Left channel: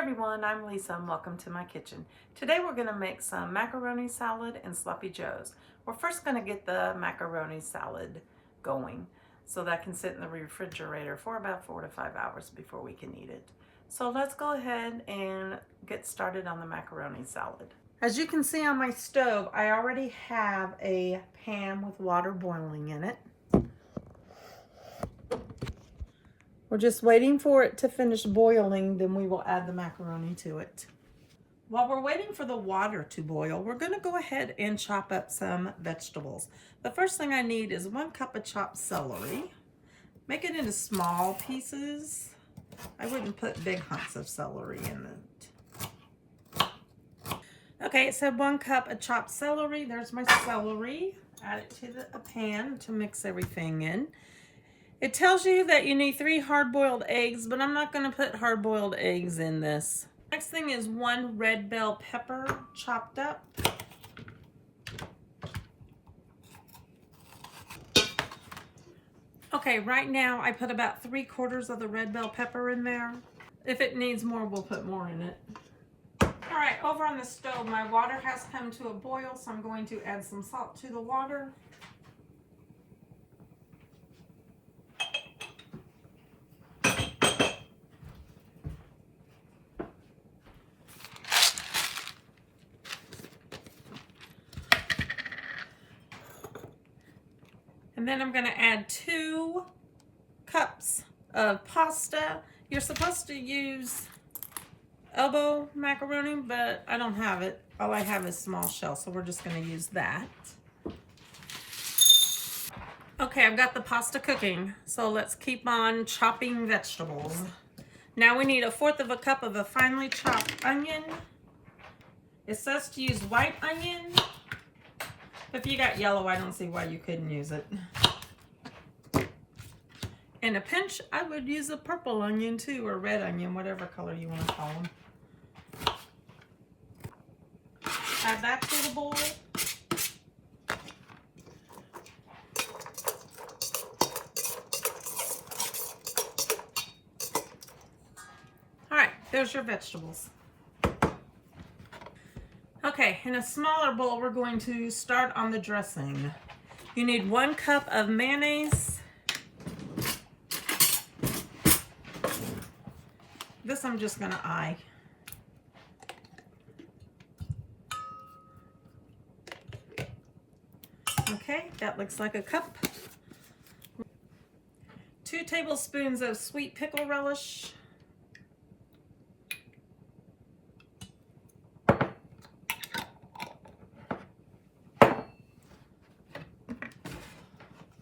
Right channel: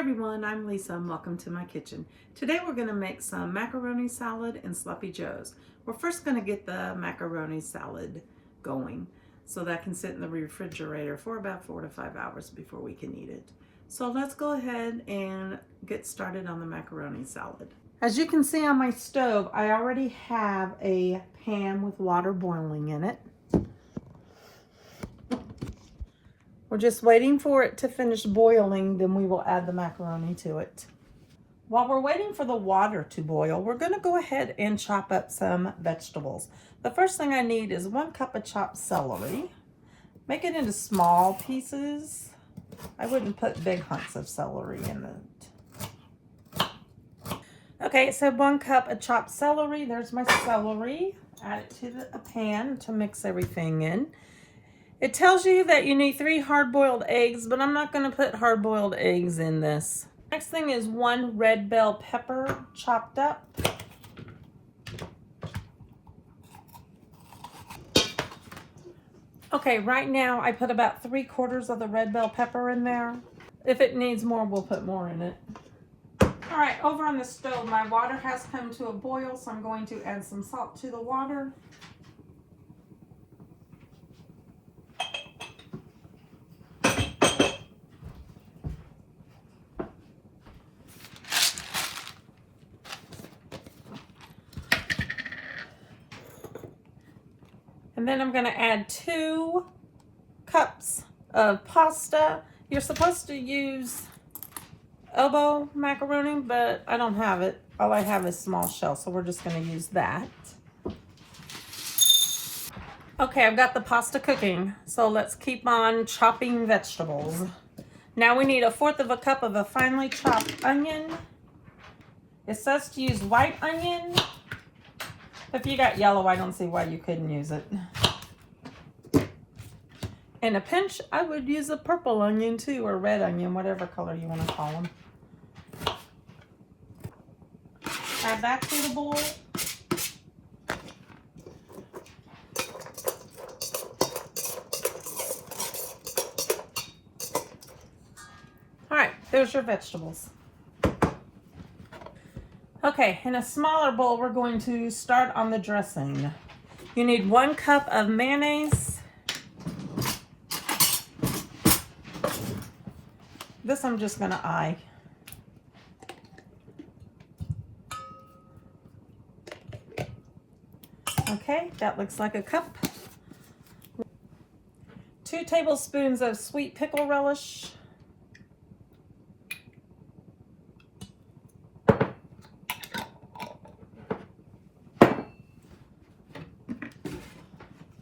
everyone, I'm Lisa and welcome to my kitchen. Today we're going to make some macaroni salad and sloppy joes. We're first going to get the macaroni salad going so that can sit in the refrigerator for about 4 to 5 hours before we can eat it. So let's go ahead and get started on the macaroni salad. As you can see on my stove, I already have a pan with water boiling in it. We're just waiting for it to finish boiling, then we will add the macaroni to it. While we're waiting for the water to boil, we're going to go ahead and chop up some vegetables. The first thing I need is 1 cup of chopped celery. Make it into small pieces. I wouldn't put big hunks of celery in it. Okay, so 1 cup of chopped celery. There's my celery. Add it to a pan to mix everything in. It tells you that you need 3 hard-boiled eggs, but I'm not going to put hard-boiled eggs in this. Next thing is 1 red bell pepper chopped up. Okay, right now I put about 3/4 of the red bell pepper in there. If it needs more, we'll put more in it. All right, over on the stove, my water has come to a boil, so I'm going to add some salt to the water. And then I'm going to add 2 cups of pasta. You're supposed to use elbow macaroni, but I don't have it. All I have is small shell, so we're just going to use that. Okay, I've got the pasta cooking, so let's keep on chopping vegetables. Now we need 1/4 cup of a finely chopped onion. It says to use white onion. If you got yellow, I don't see why you couldn't use it. And a pinch, I would use a purple onion too, or red onion, whatever color you want to call them. Add that to the bowl. All right, there's your vegetables. Okay, in a smaller bowl, we're going to start on the dressing. You need 1 cup of mayonnaise. This I'm just going to eye. Okay, that looks like a cup. 2 tablespoons of sweet pickle relish.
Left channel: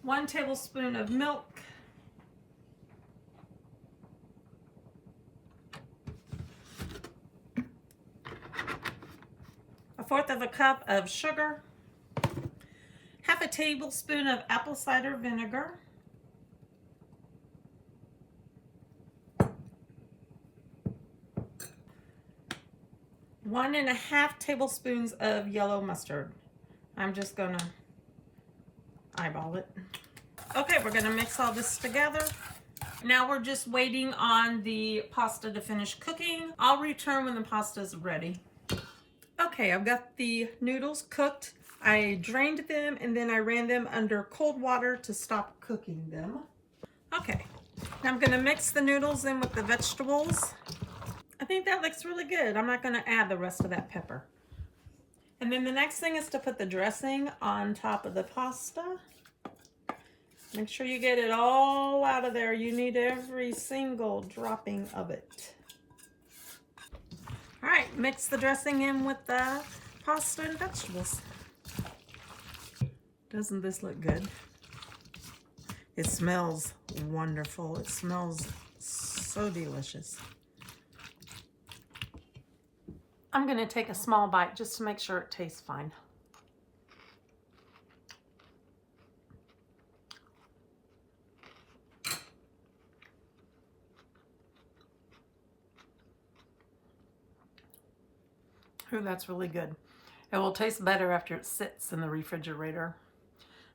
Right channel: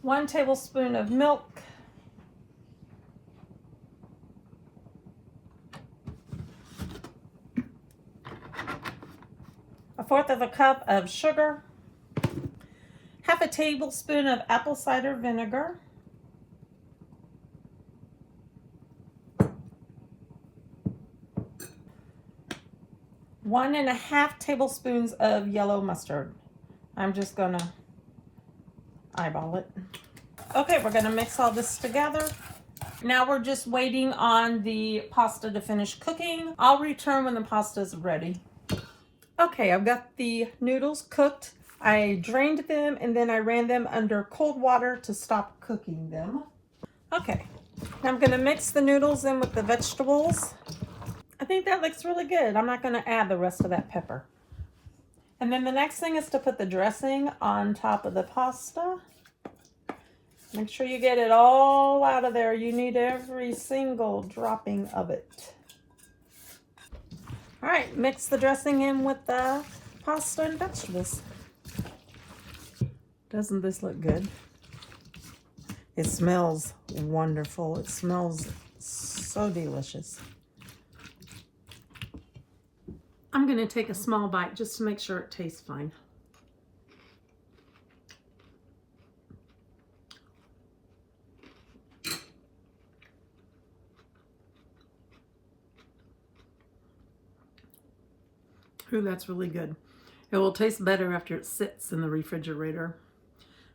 1 tablespoon of milk. 1/4 cup of sugar. 1/2 tablespoon of apple cider vinegar. 1½ tablespoons of yellow mustard. I'm just gonna eyeball it. Okay, we're gonna mix all this together. Now we're just waiting on the pasta to finish cooking. I'll return when the pasta is ready. Okay, I've got the noodles cooked. I drained them and then I ran them under cold water to stop cooking them. Okay, now I'm gonna mix the noodles in with the vegetables. I think that looks really good. I'm not gonna add the rest of that pepper. And then the next thing is to put the dressing on top of the pasta. Make sure you get it all out of there. You need every single dropping of it. All right, mix the dressing in with the pasta and vegetables. Doesn't this look good? It smells wonderful. It smells so delicious. I'm going to take a small bite just to make sure it tastes fine. Ooh, that's really good. It will taste better after it sits in the refrigerator.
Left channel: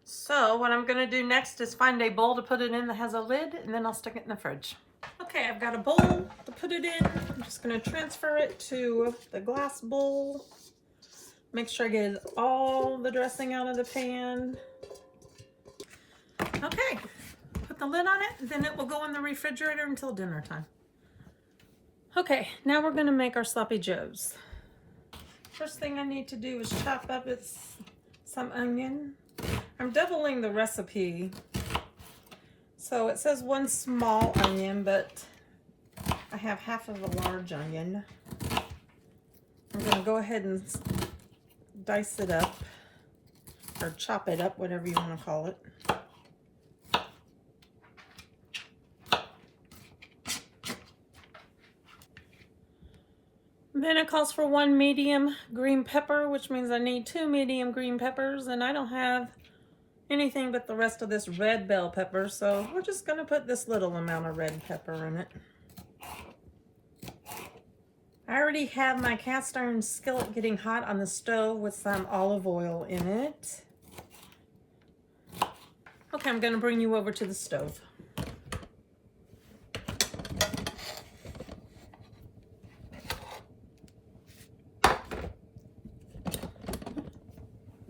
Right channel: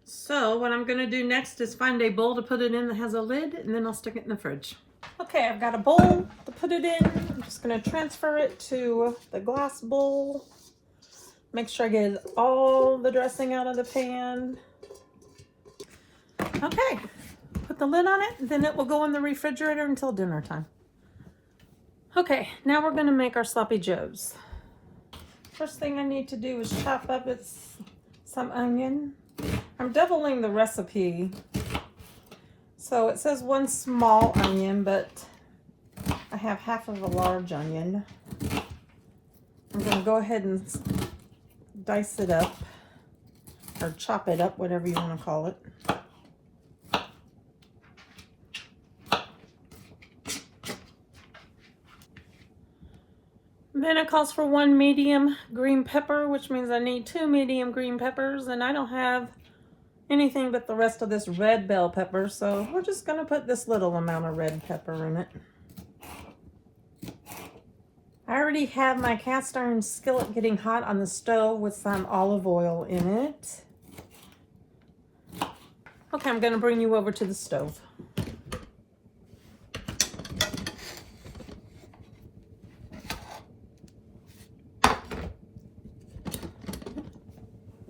So what I'm going to do next is find a bowl to put it in that has a lid, and then I'll stick it in the fridge. Okay, I've got a bowl to put it in. just going to transfer it to the glass bowl. Make sure I get all the dressing out of the pan. Okay, put the lid on it, then it will go in the refrigerator until dinner time. Okay, now we're going to make our sloppy joes. First thing I need to do is chop up some onion. I'm doubling the recipe. So it says 1 small onion, but I have half of a large onion. I'm going to go ahead and dice it up, or chop it up, whatever you want to call it. Then it calls for 1 medium green pepper, which means I need 2 medium green peppers, and I don't have anything but the rest of this red bell pepper, so we're just going to put this little amount of red pepper in it. I already have my cast iron skillet getting hot on the stove with some olive oil in it. Okay, I'm going to bring you over to the stove.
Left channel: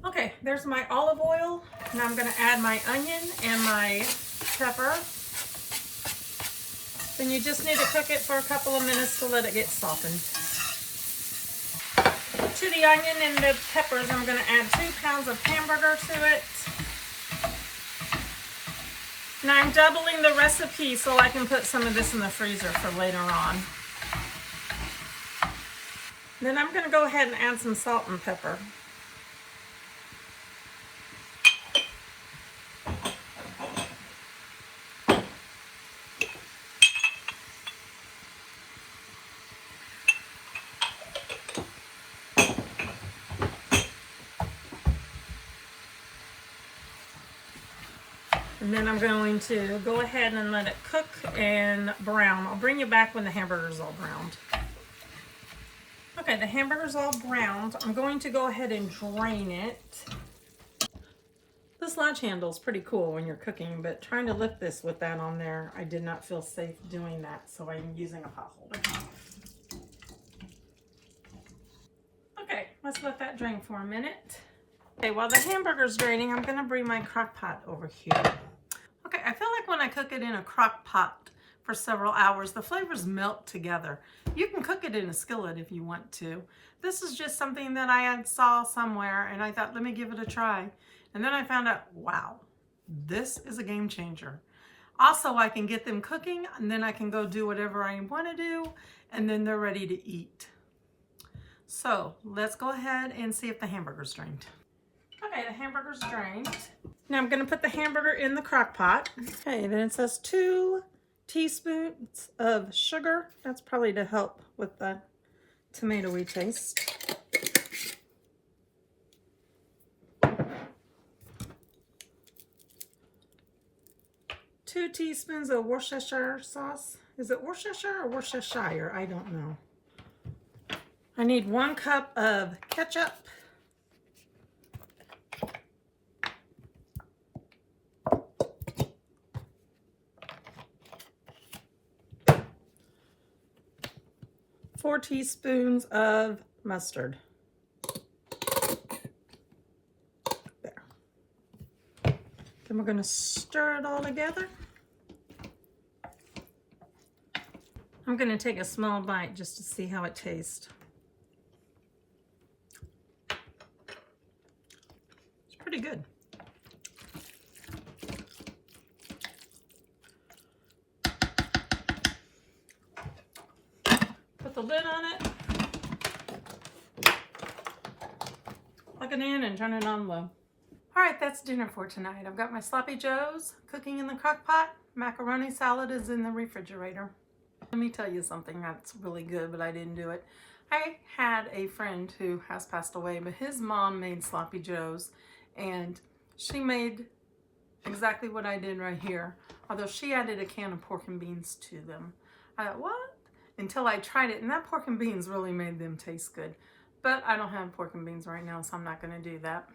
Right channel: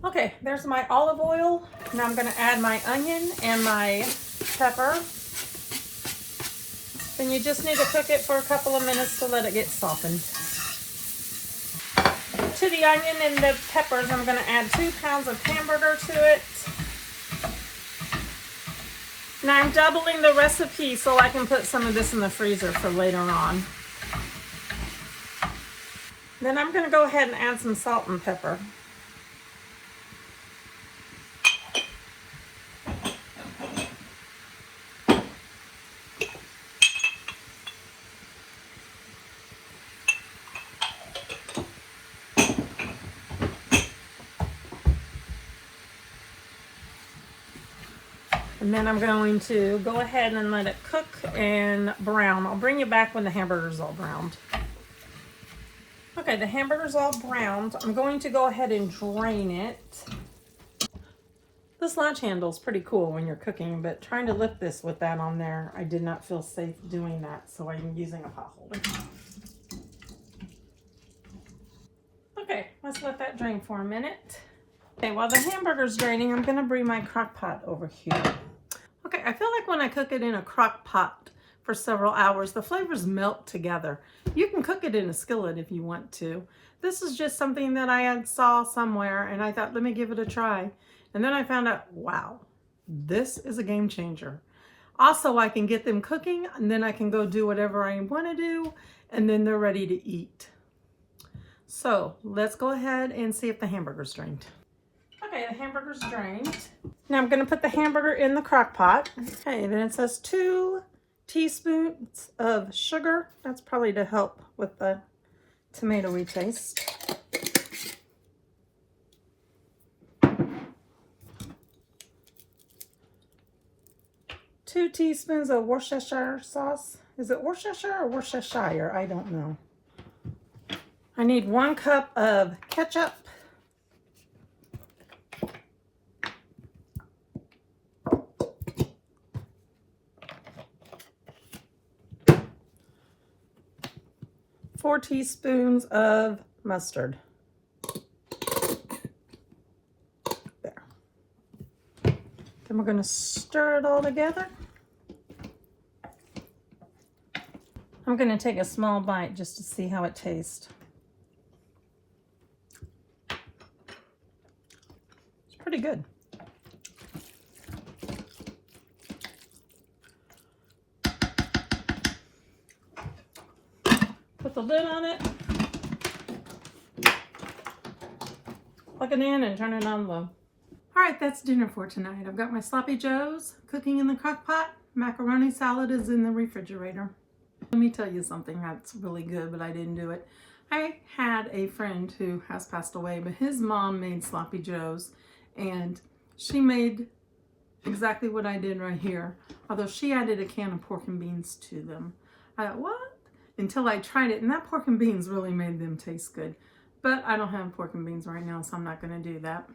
Okay, there's my olive oil. Now I'm going to add my onion and my pepper. And you just need to cook it for a couple of minutes to let it get softened. To the onion and the peppers, I'm going to add 2 pounds of hamburger to it. Now I'm doubling the recipe so I can put some of this in the freezer for later on. Then I'm going to go ahead and add some salt and pepper. And then I'm going to go ahead and let it cook and brown. I'll bring you back when the hamburger's all browned. Okay, the hamburger's all browned. I'm going to go ahead and drain it. This latch handle is pretty cool when you're cooking, but trying to lift this with that on there, I did not feel safe doing that, so I'm using a pot holder. Okay, let's let that drain for a minute. Okay, while the hamburger's draining, I'm going to bring my crock pot over here. Okay, I feel like when I cook it in a crock pot for several hours, the flavors melt together. You can cook it in a skillet if you want to. This is just something that I saw somewhere, and I thought, let me give it a try. And then I found out, wow, this is a game changer. Also, I can get them cooking, and then I can go do whatever I want to do, and then they're ready to eat. So let's go ahead and see if the hamburger's drained. Okay, the hamburger's drained. Now I'm going to put the hamburger in the crock pot. Okay, then it says 2 teaspoons of sugar. That's probably to help with the tomatoey taste. 2 teaspoons of Worcestershire sauce. Is it Worcestershire or Worcestershire? I don't know. I need 1 cup of ketchup. 4 teaspoons of mustard. There. Then we're going to stir it all together. I'm going to take a small bite just to see how it tastes. It's pretty good. Put the lid on it, plug it in, and turn it on low. All right, that's dinner for tonight. I've got my sloppy joes cooking in the crock pot. Macaroni salad is in the refrigerator. Let me tell you something that's really good, but I didn't do it. I had a friend who has passed away, but his mom made sloppy joes, and she made exactly what I did right here, although she added a can of pork and beans to them. I thought, what? Until I tried it, and that pork and beans really made them taste good. But I don't have pork and beans right now, so I'm not going to do that.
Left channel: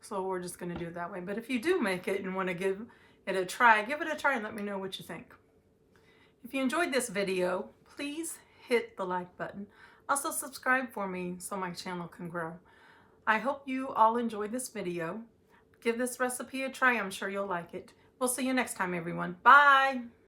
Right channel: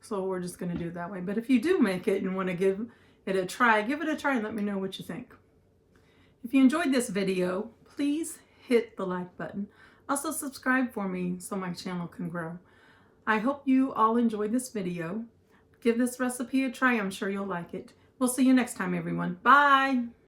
So we're just going to do it that way. But if you do make it and want to give it a try, give it a try and let me know what you think. If you enjoyed this video, please hit the like button. Also subscribe for me so my channel can grow. I hope you all enjoyed this video. Give this recipe a try. I'm sure you'll like it. We'll see you next time, everyone. Bye!